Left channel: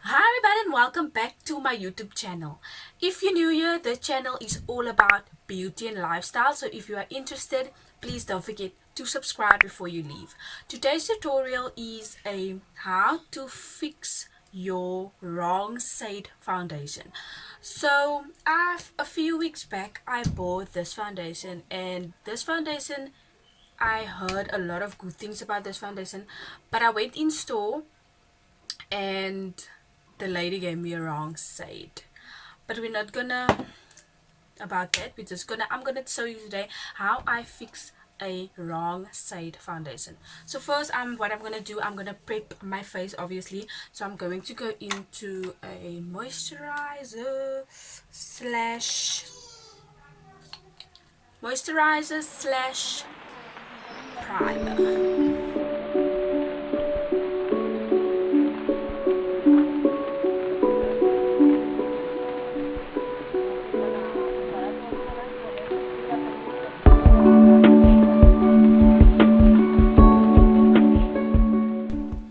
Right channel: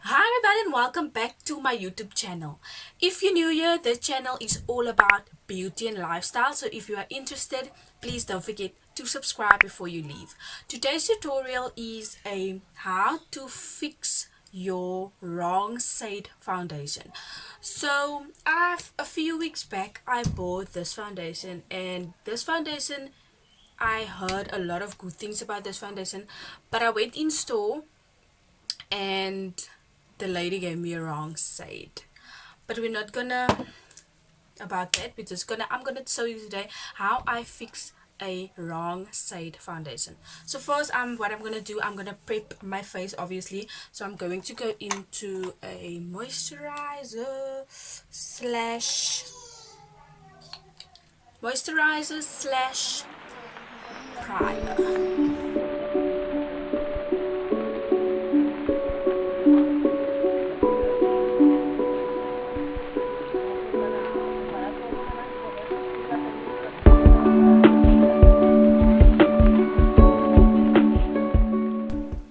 Hi everybody and welcome back to my YouTube channel. If you're new here, this channel is all about beauty and lifestyle. So if you are interested, please don't forget to subscribe before you leave. Today's tutorial is a how to fix your wrong shade foundation. So a few weeks back I bought this foundation, and this foundation I heard a lot of good things about this foundation, but I went in store and the lady gave me a wrong shade. But we're not gonna about that. I'm gonna show you today how I fix a wrong shade foundation. So first, what I'm gonna do, I'm gonna prep my face, obviously. So I'm going to go into a moisturizer slash primer.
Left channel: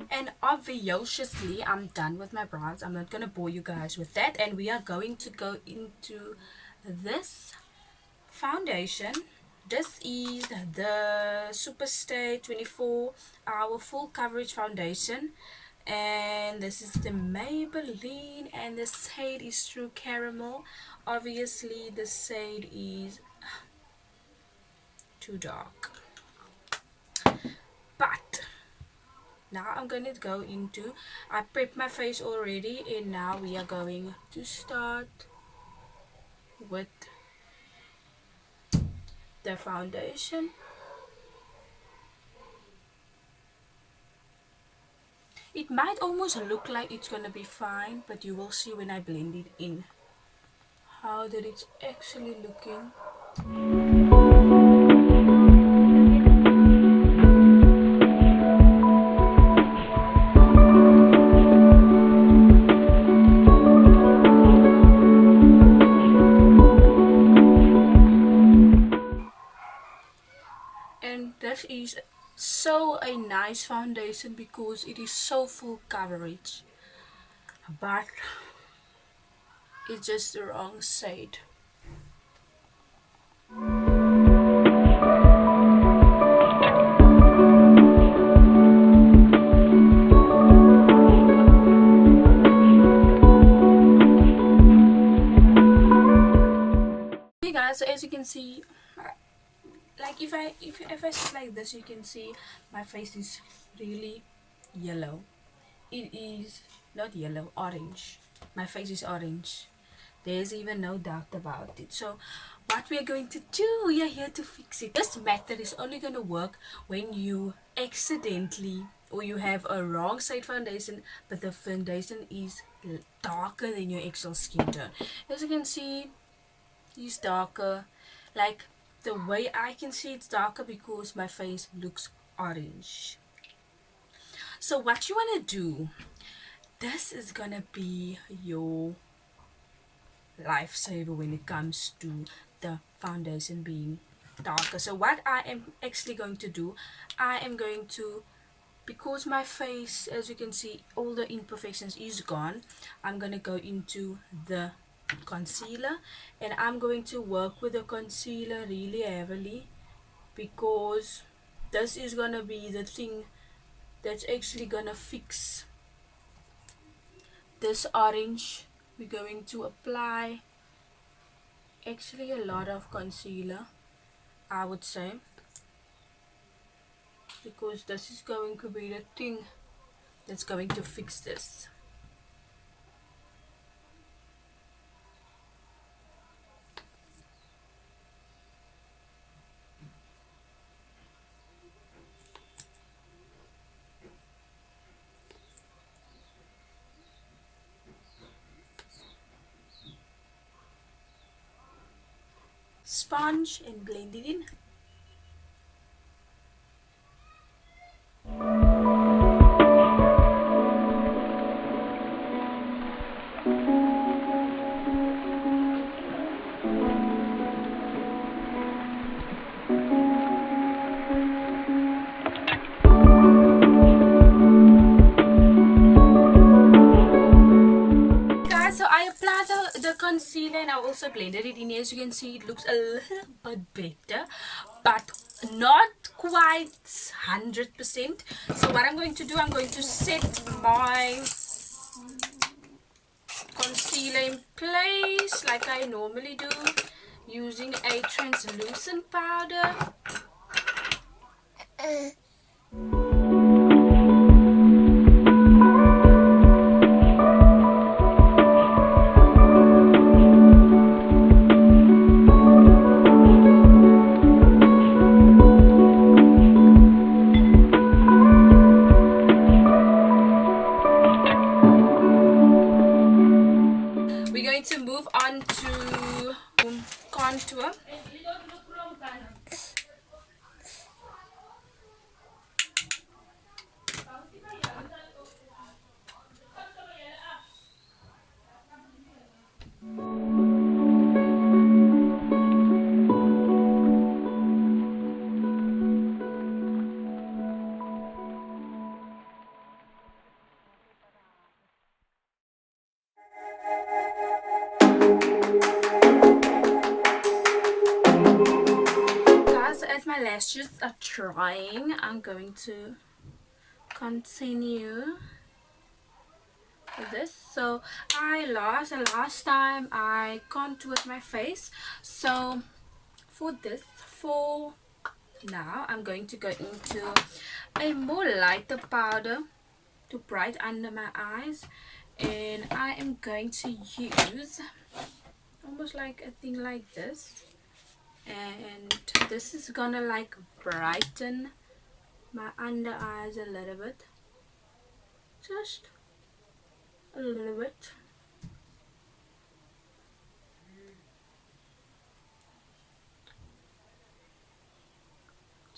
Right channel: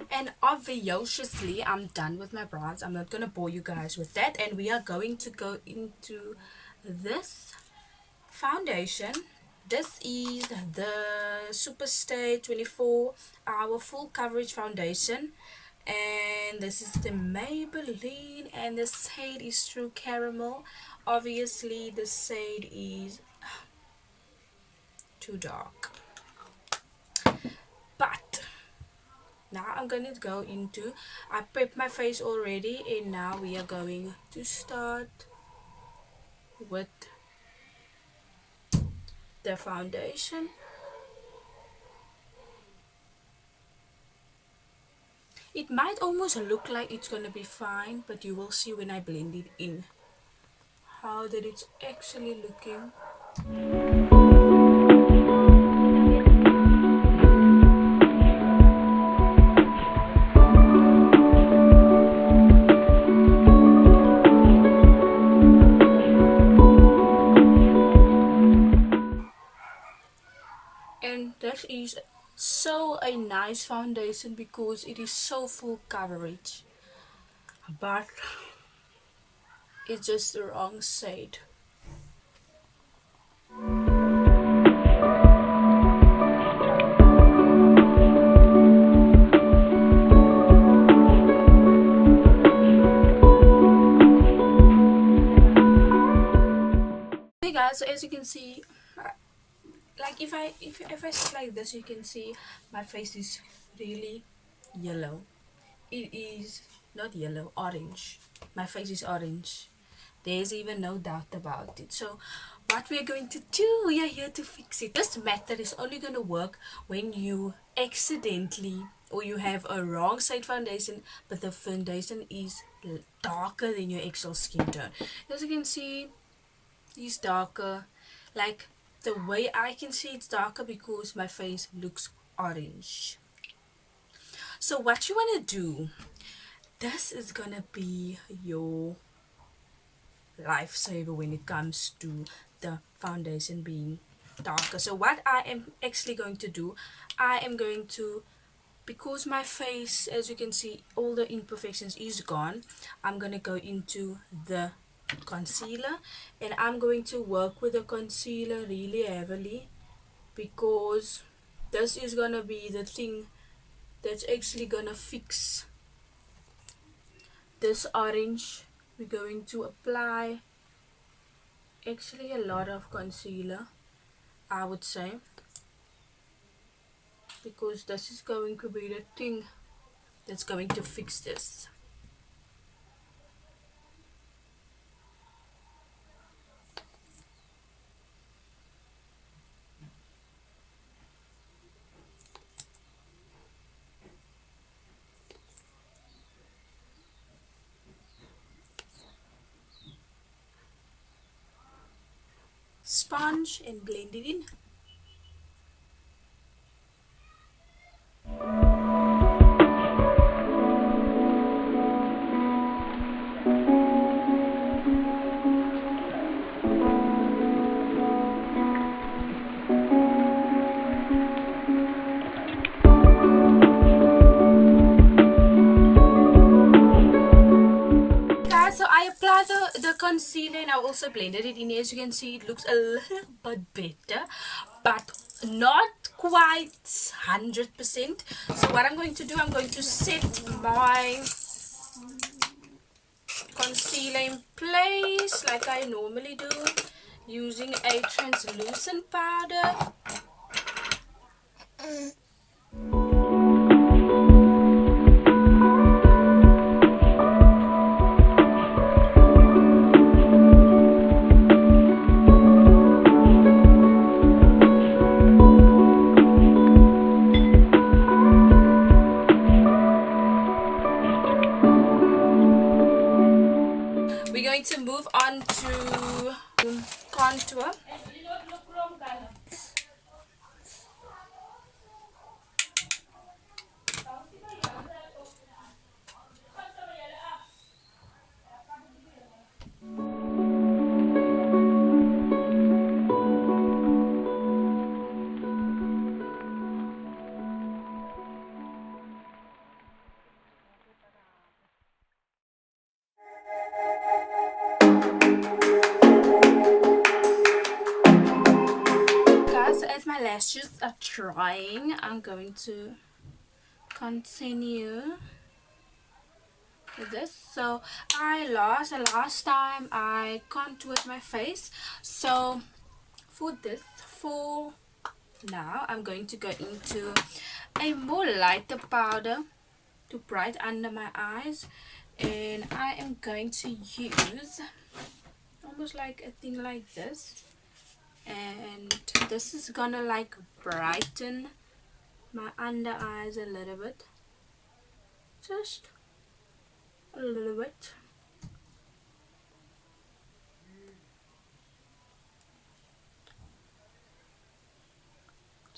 And obviously, I'm done with my bronze. I'm not gonna bore you guys with that, and we are going to go into this foundation. This is the Superstay 24-hour full coverage foundation, and this is the Maybelline, and the shade is True Caramel. Obviously the shade is too dark, but now I'm gonna go into, I prepped my face already, and now we are going to start with the foundation. It might almost look like it's gonna be fine, but you will see when I blend it in how that it's actually looking. And that is so a nice foundation because it is so full coverage, but it's just the wrong shade. Hey guys, so as you can see, like if I sit like this, you can see my face is really yellow. It is not yellow, orange. My face is orange. There's even no doubt about it. So what we are going to do, we are here to fix it. This method is only going to work when you accidentally, or you have a wrong shade foundation, but the foundation is darker than your actual skin tone. As you can see, it's darker. Like, the way I can see it's darker because my face looks orange. So what you want to do, this is gonna be your lifesaver when it comes to the foundation being darker. So what I am actually going to do, I am going to, because my face, as you can see, all the imperfections is gone, I'm gonna go into the concealer, and I'm going to work with the concealer really heavily, because this is gonna be the thing that's actually gonna fix this orange. We're going to apply actually a lot of concealer, I would say, because this is going to be the thing that's going to fix this. Sponge and blend it in. the concealer, and I also blended it in. As you can see, it looks a little bit better, but not quite 100%. So what I'm going to do, I'm going to set my concealer in place like I normally do, using a translucent powder. We're going to move on to contour. Guys, as my lashes are drying, I'm going to continue with this. So last time I contoured my face, so for now I'm going to go into a more lighter powder to bright under my eyes, and I am going to use almost like a thing like this, and this is gonna like brighten my under eyes a little bit, just a little bit.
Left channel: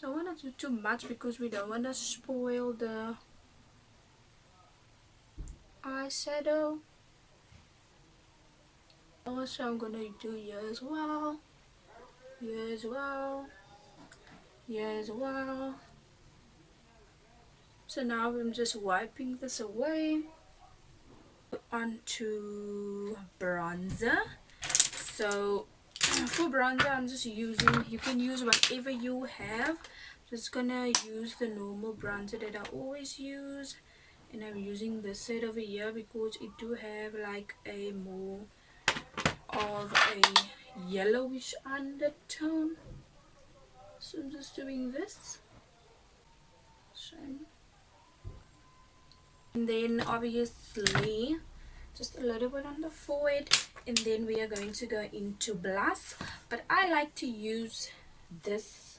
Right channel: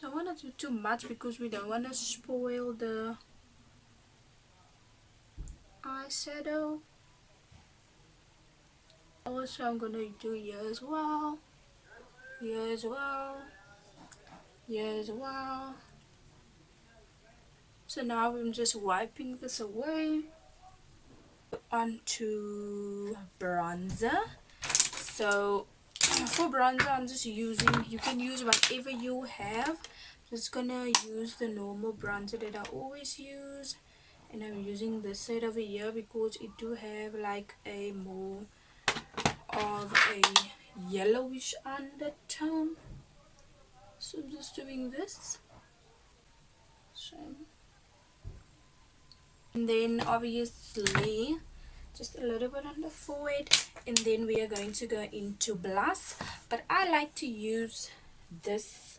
Don't want to do too much because we don't want to spoil the eyeshadow. Also, I'm gonna do here as well, here as well, here as well. So now I'm just wiping this away. Onto bronzer. So for bronzer, I'm just using, you can use whatever you have. Just gonna use the normal bronzer that I always use, and I'm using this shade over here because it do have like a more of a yellowish undertone. So I'm just doing this. Same. And then obviously just a little bit on the forehead, and then we are going to go into blush. But I like to use this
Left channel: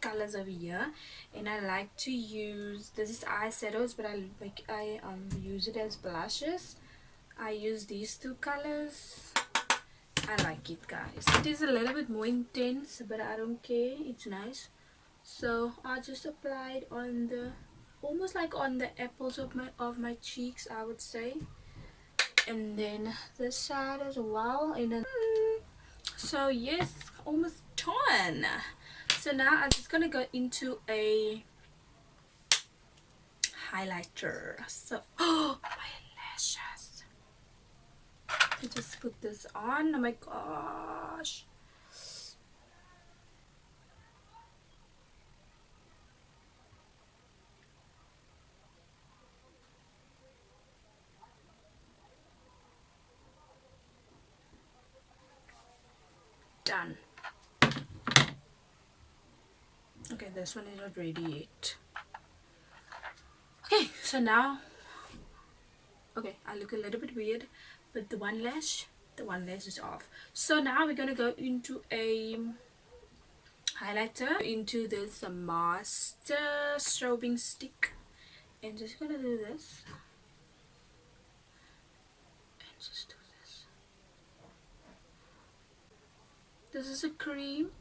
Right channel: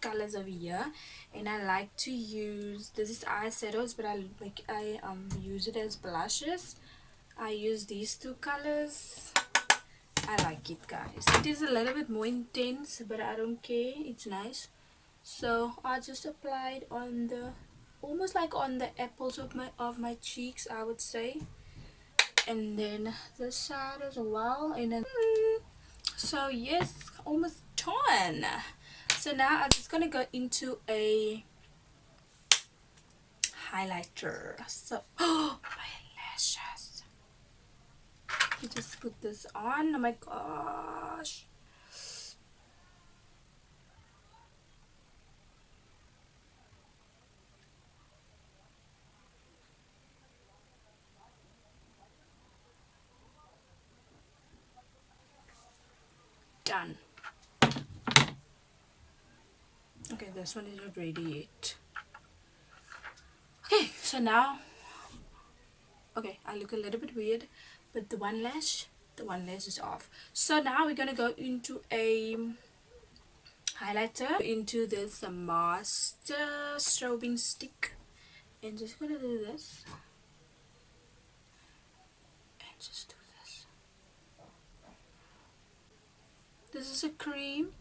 colors over here, and I like to use, this is eyeshadows, but I use it as blushes. I use these two colors. I like it, guys. It is a little bit more intense, but I don't care, it's nice. So I just applied on the, almost like on the apples of my cheeks, I would say, and then this side as well, and then so yes, almost done. So now I'm just gonna go into a highlighter. So oh, my lashes, I just put this on. Oh my gosh, done. Okay, this one is not ready yet. Okay, so now, okay, I look a little bit weird, but the one lash is off. So now we're gonna go into a highlighter, into this master strobing stick, and just gonna do this, and just do this. This is a cream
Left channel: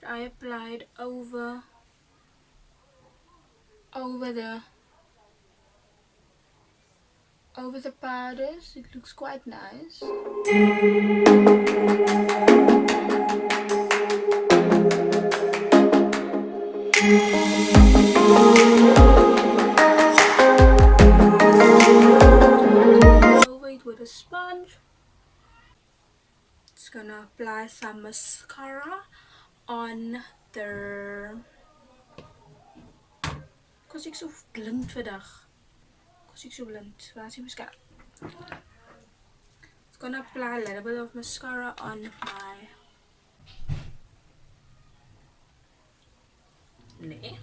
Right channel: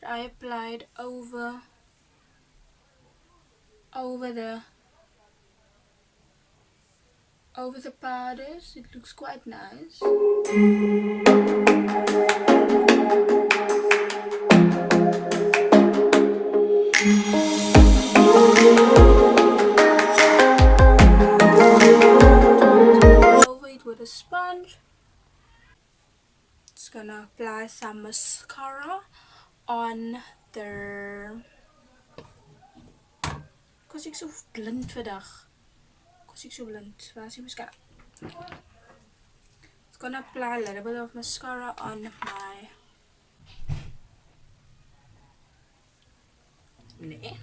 that I applied over the powders. It looks quite nice. Over it with a sponge. Just gonna apply some mascara on their. Cause ik zo blind vandaag. Cause ik zo blind. Waar is die mascara? Just gonna apply a little bit of mascara on my. Nee.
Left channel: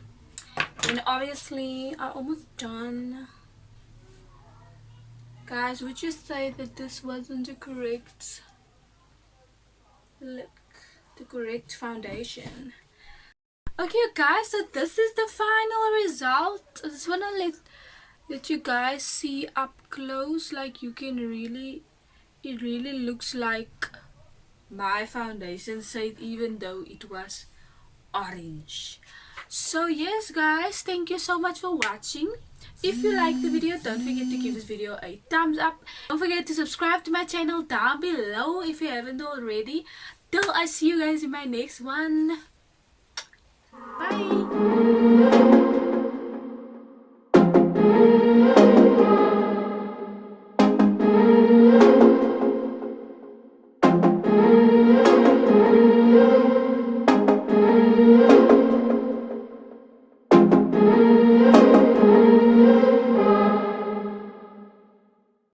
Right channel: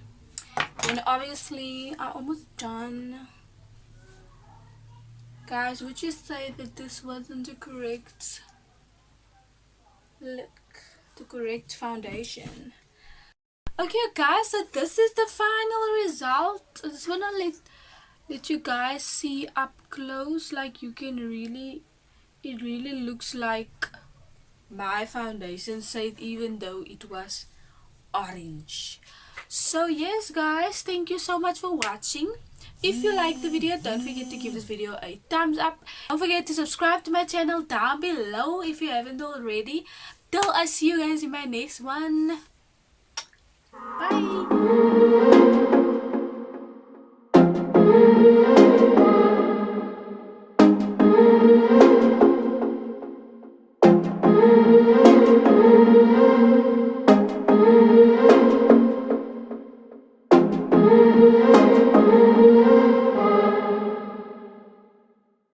And obviously, I'm almost done. Guys, would you say that this wasn't the correct look? The correct foundation? Okay guys, so this is the final result. I just wanna let you guys see up close, like you can really, it really looks like my foundation shade even though it was orange. So yes guys, thank you so much for watching. If you like the video, don't forget to give this video a thumbs up. Don't forget to subscribe to my channel down below if you haven't already. Till I see you guys in my next one. Bye.